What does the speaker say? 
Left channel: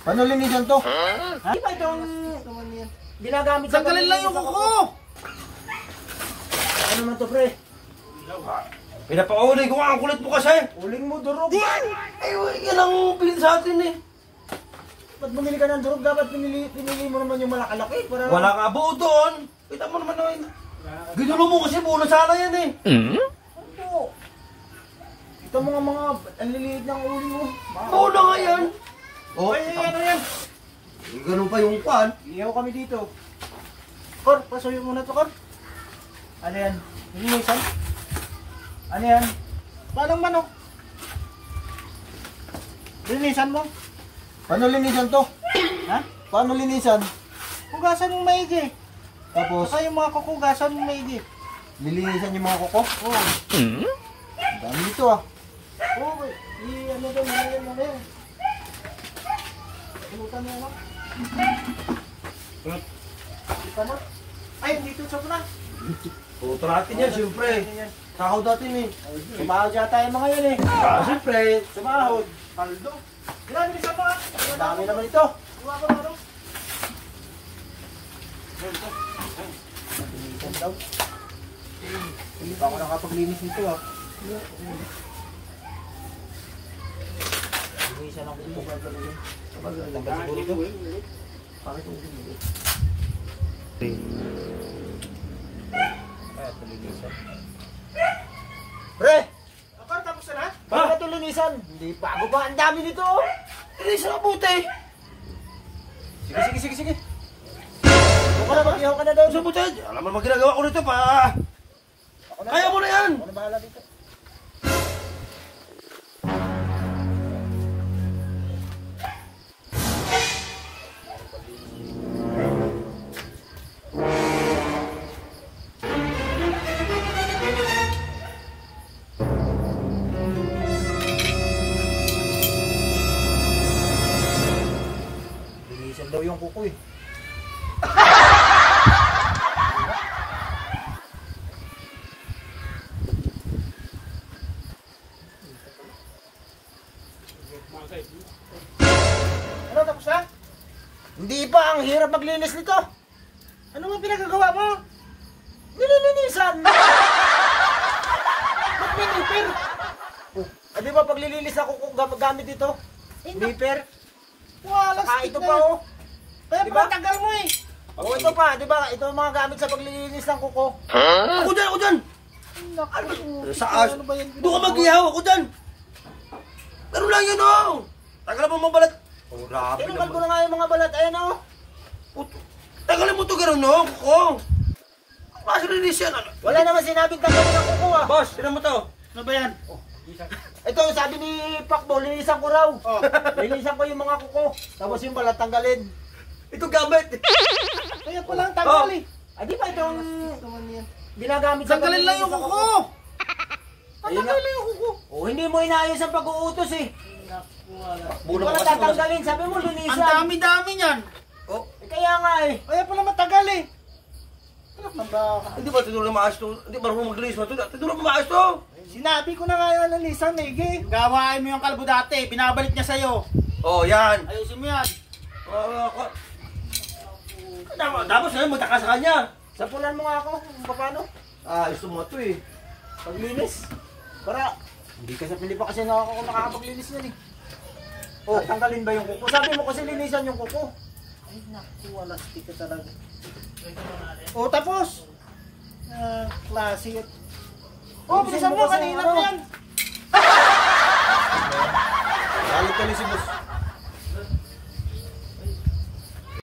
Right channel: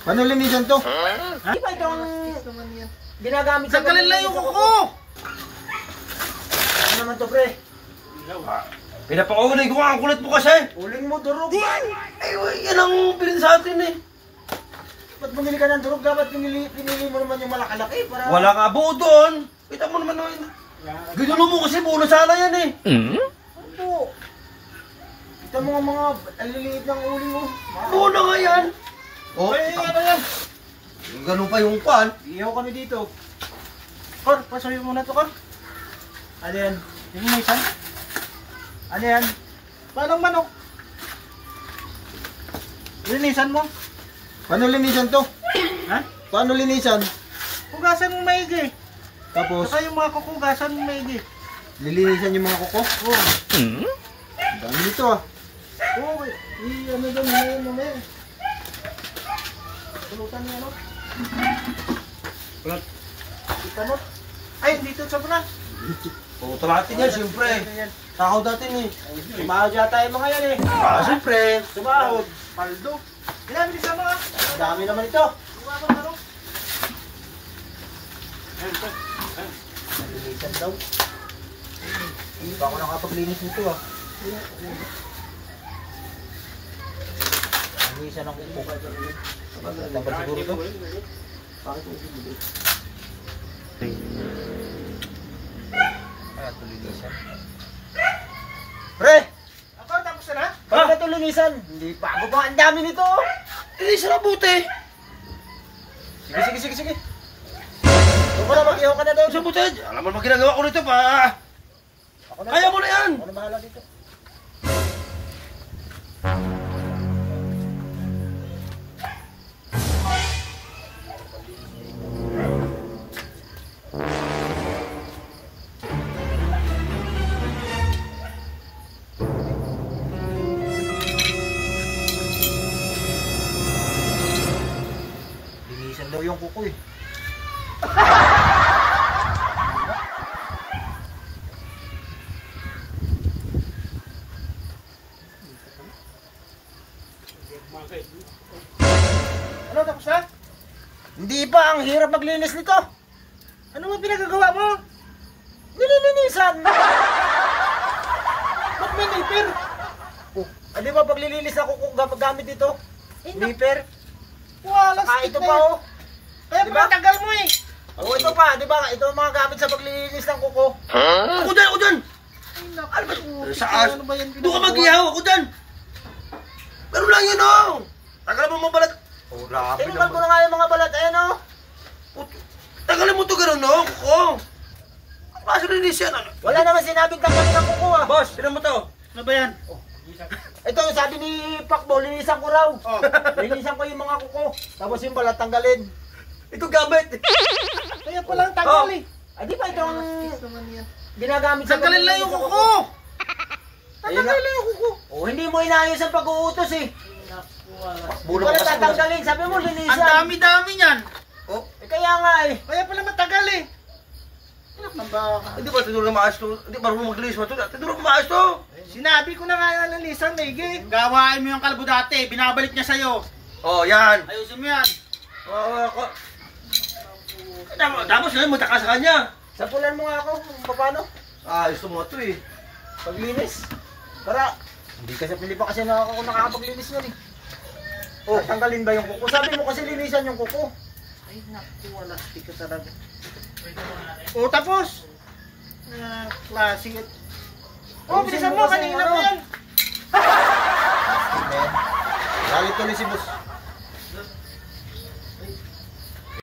Paano linisan to? Ha? Di ba itong ginagamit sa Tanggalin lang yung kuko! Ano naman to, pre? Pinapakulay ko nga, ang kulit mo kasi. Uling mo, durog. Ay, yan ang bilin sa atin eh. Ba't bumili ka ng durog? Dapat pinili mo naman yung malakalaki para... Wala nga buo doon. Kita mo naman naman. Ginulo mo kasi buo na sana yan eh. Ano? Kita mo nga mga aliliit ng uli mo. Buo na nga yan. Oh, Ay, ano yan? ganun pa yung pan. Iyaw kami dito. Kor, pasuyo muna to, Kor. Ano yan? Linisan? Ano yan? Paano manok? Linisan mo? Paano linisan to? Ha? Paano linisan? Hugasan mo maigi. Tapos, Saka yung mga kukugasan mo maigi. lilinisan yung mga kuko. Oo. Ang dami nito ah. Oo, ano doon ngayon mo ngayon? Tulutan mo, no? Kita mo? Ay, dito sa na. O, natin yan, siyempre. Sahod natin eh. Sumahod yata yung mga yan eh. Siyempre. Sumahod. Paldo. Ilan bisa mo ah? Dami naman ito. Sumahod ano? Linisan daw. Hindi pa ako nakapaglinis nito ah. Linisan ang kuko. Tanggal siguro ito. Bakit ito hindi? Kaya ito linisan. Pre! Ako, tapos na? Bakit na ito linisan? Hindi, bago pa. Ang dami nito. Linisan ang buti. Sige. Doon ka na, mag-ihaw ka na doon. Sa buti. Alam mo naman ginagawa ko nito pa. Ako na. Kaya mo na yan. Ako na bahala dito. Linisan daw yung kuko eh. Ano, tapos na? Hindi pa, ang hirap maglinis nito. Ano mo pinagagawa mo? Nililinisan! Ba't may nipper? Oh, di ba paglilinis ako kung gamit dito? Nipper? Wala, Saka ito pa oh. Eh, Diba? tagal mo eh. Oh, ito pa, di ba? Ito ang mga gamit sa paglilinis ng kuko. Ako dyan. Ay, naku. Ano ba? Sa as. Ano ba yan? Doon ka mag-ihaw. Ako dyan. Pero lang yun oh. Tagal mo balat. Oh, grabe Tinungal ko na nga yung mga balat, ayan oh. Tagalin mo to gano'n no? Kuko. Ang klase linis yan. Ano? Wala naman sinabing tanggalin ng kuko ah. Boss, tinan mo to. Ano ba yan? Ito, sabi ni Pacbo, linisan ko raw. Oh. Linisan ko yung mga kuko. Tapos yung balat tanggalin. Ito gamit. Kaya palang tagal eh. Ay, di ba itong Naman yan. ginagamit sa Tanggalin lang yung paglilinis ng kuko. Ayun na. Tanggalin lang yung kuko. Oh, hindi mo inayos ang pag-uutos eh. Hindi Bulo ko ka na kasi. tatanggalin, sabi mo Ang linisan. dami-dami niyan. Oh, Eh, kaya nga eh. Kaya pala matagal eh. Anak ng baka. hindi ba tinuro na maayos to? Hindi ba marunong maglinis mo to? Tinuro mo maayos to? Sinabi ko na nga na lalisan na igi. Gawain mo yung kalbo dati. Binabalik niya sa'yo. Oh, yan. Ayusin mo yan. Tapos na magtaka sa kanya. Sapulan mo nga ako kung paano. Gusto mo to eh. Paglinis. Para, hindi ka sa Pilipa kasi nakakapaglinis yan eh. Oh, tanggalin ba yung kuko? Sabi mo kasi linisan yung kuko. Ay naku, wala. Hindi ka talaga. O tapos. Klase. Oh, bilisan mo. kasi Kanina ano. mo yan. Galit tuloy si boss.